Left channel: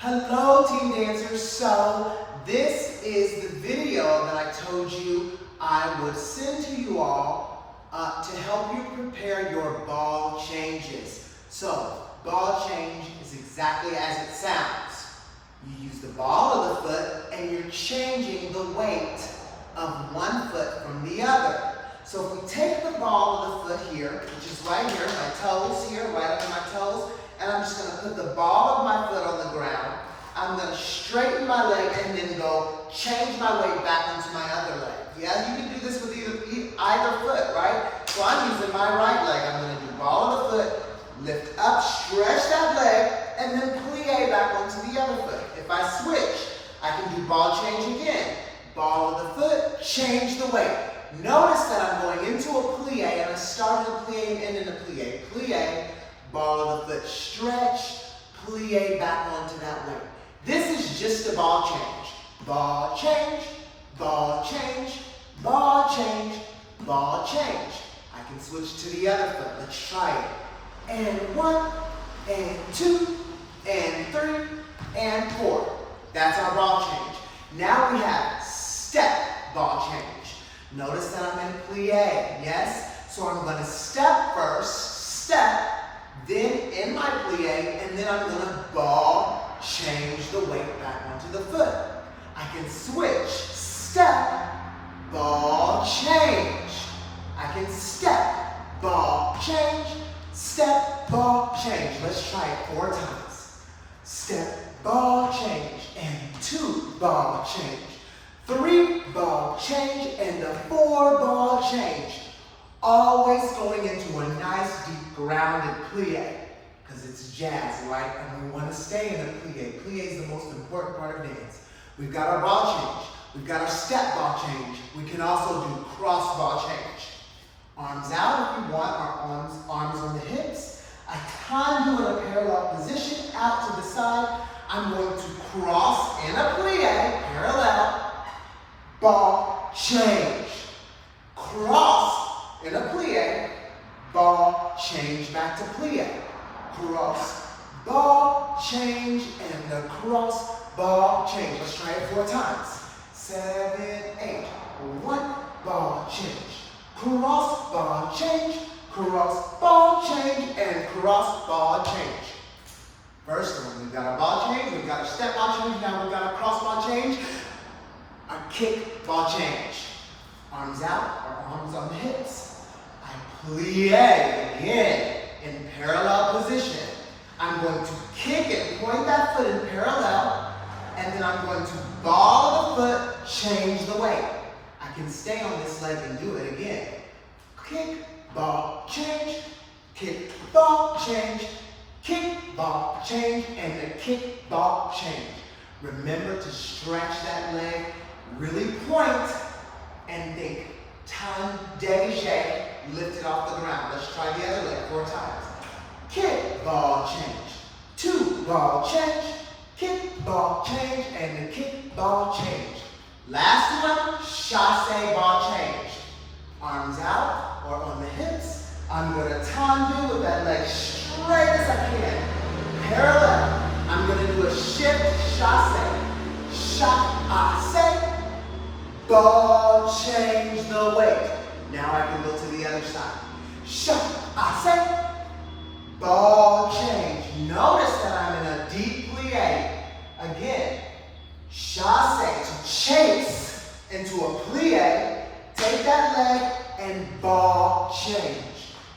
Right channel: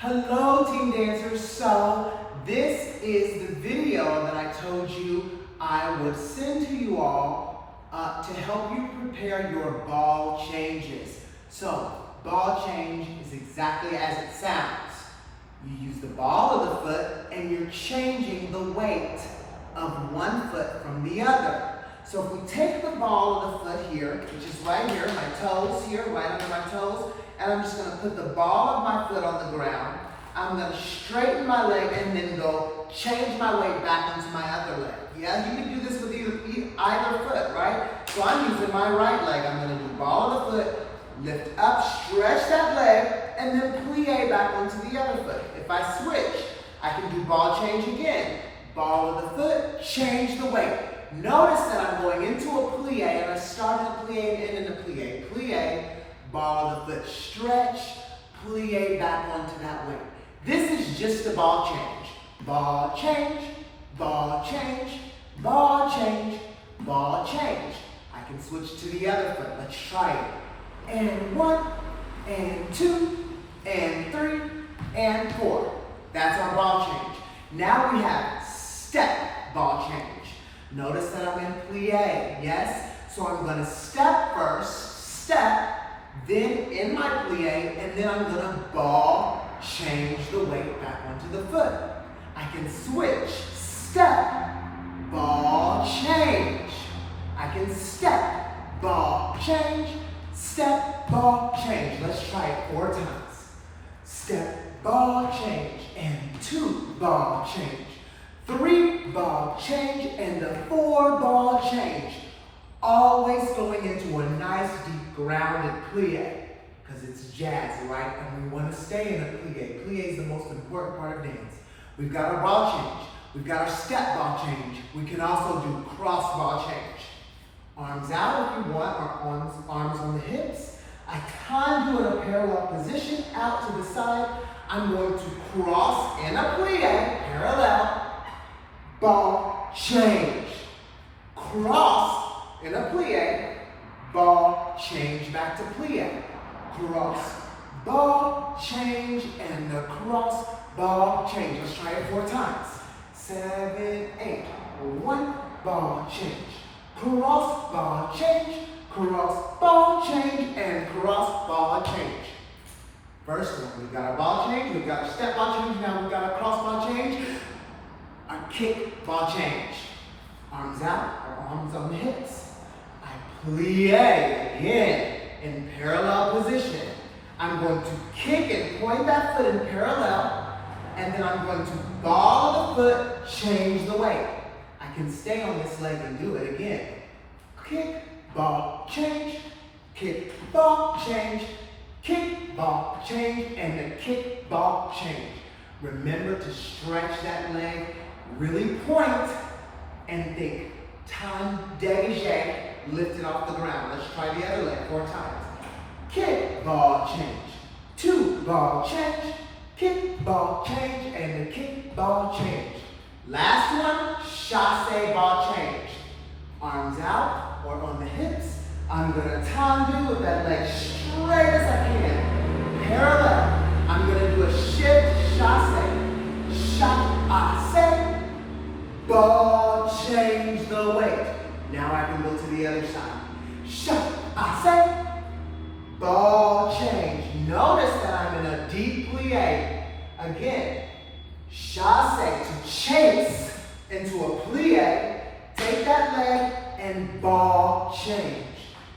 Hello, Team Dancers. So this is the video that I told you I would send to you all to help you prepare your ball changes. So ball change is exactly as it sounds. You use the ball of the foot and you're changing the weight of one foot from the other. So if we take the ball of the foot here, which is right here, my toes here, right under my toes, and I'm just going to put the ball of my foot on the ground. I'm going to straighten my leg and then go change my weight back into my other leg. Yeah, you can do this with either foot, right? So I'm using my right leg. I'm going to do ball of the foot, lift up, stretch that leg, and then plie back onto the other foot. If I switch, I can do ball change again. Ball of the foot, change the weight. Notice that I'm going into a plie and I start in a plie and end in a plie. Plie, ball of the foot, stretch, plie back onto that weight. This is just a ball change. Ball change, ball change, ball change, ball change. I can switch to the other foot. Let's try it. And 1, and 2, and 3, and 4. That's our ball change. Now we have step ball change. Notice that I'm in plie, yes? So I'm going to step first, step, then in my plie, and then I'm going to ball change the weight back onto the foot. I can switch, step, ball change. I can step, ball change, step, ball change. Let's try it 4 times. Step, ball change, and 2 ball change. 3 ball change and a 4 ball change. Always going into a nice deep grounded plie because it's jazz, right? And we want to stay in a plie. Plie is the most important part of dance. We've got our ball change. We've got our step ball change. We can also do cross ball change. Arms out if you want, our arms on the hips. I can do in a parallel position out to the side. I'm going to cross in a plie, parallel. Ball change. Cross in a plie. Ball change back to plie. Cross, ball change, and the cross, ball change. Let's try it 4 times. 7, 8. 1 ball change. Cross, ball change. Cross, ball change, and cross, ball change. First one, we've got our ball change, we've got our step ball change, now we've got our cross ball change. Our kick ball change. Arms out, our arms on the hips. I plie again in parallel position. I'm going to kick and point that foot in parallel, and then I'm going to ball the foot, change the weight. I can stay on this leg and do it again. Kick, ball, change, kick, ball, change, kick, ball, change, and the kick, ball, change. Remember to stretch that leg. Really point and think time dégagé, lift it off the ground. Let's try the other leg 4 times. Kick, ball, change. 2 ball change, kick, ball, change, and the kick, ball, change. Last one, chassé ball change. Arms out or on the hips. I'm going to tendu with that leg straight as I can. Parallel. I'm going to do a shift chassé. Chassé. Ball change the weight. Now I can go to the other side. Chassé. Ball change. Notice that I'm in a deep plie. Again, chassé to chase into a plie. Take that leg and ball change.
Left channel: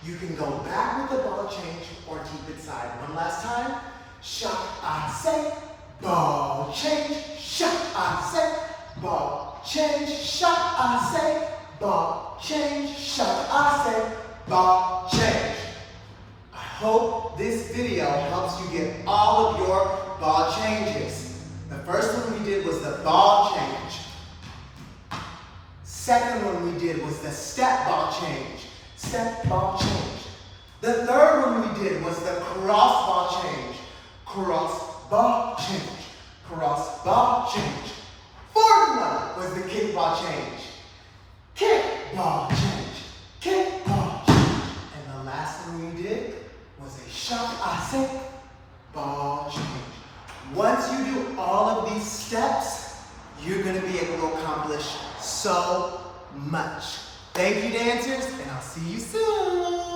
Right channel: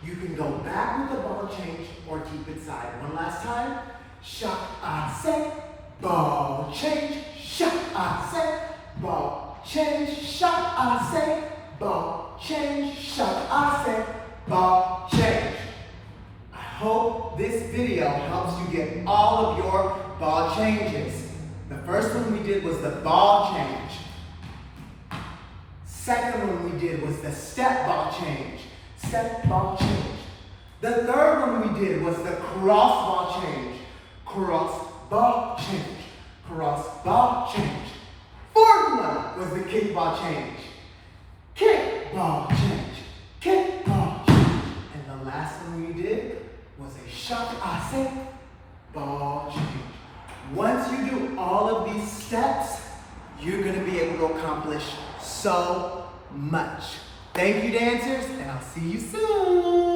You can go back with the ball change or keep it side. One last time. Chassé. Ball change. Chassé. Ball change, chassé, ball change, chassé, ball change. I hope this video helps you get all of your ball changes. The first one we did was the ball change. Second one we did was the step ball change. Step ball change. The third one we did was the cross ball change. Cross ball change. Cross ball change. Fourth one was the kick ball change. Kick ball change. Kick ball change. And the last one we did was a chassé ball change. Once you do all of these steps, you're gonna be able to accomplish so much. Thank you, dancers, and I'll see you soon.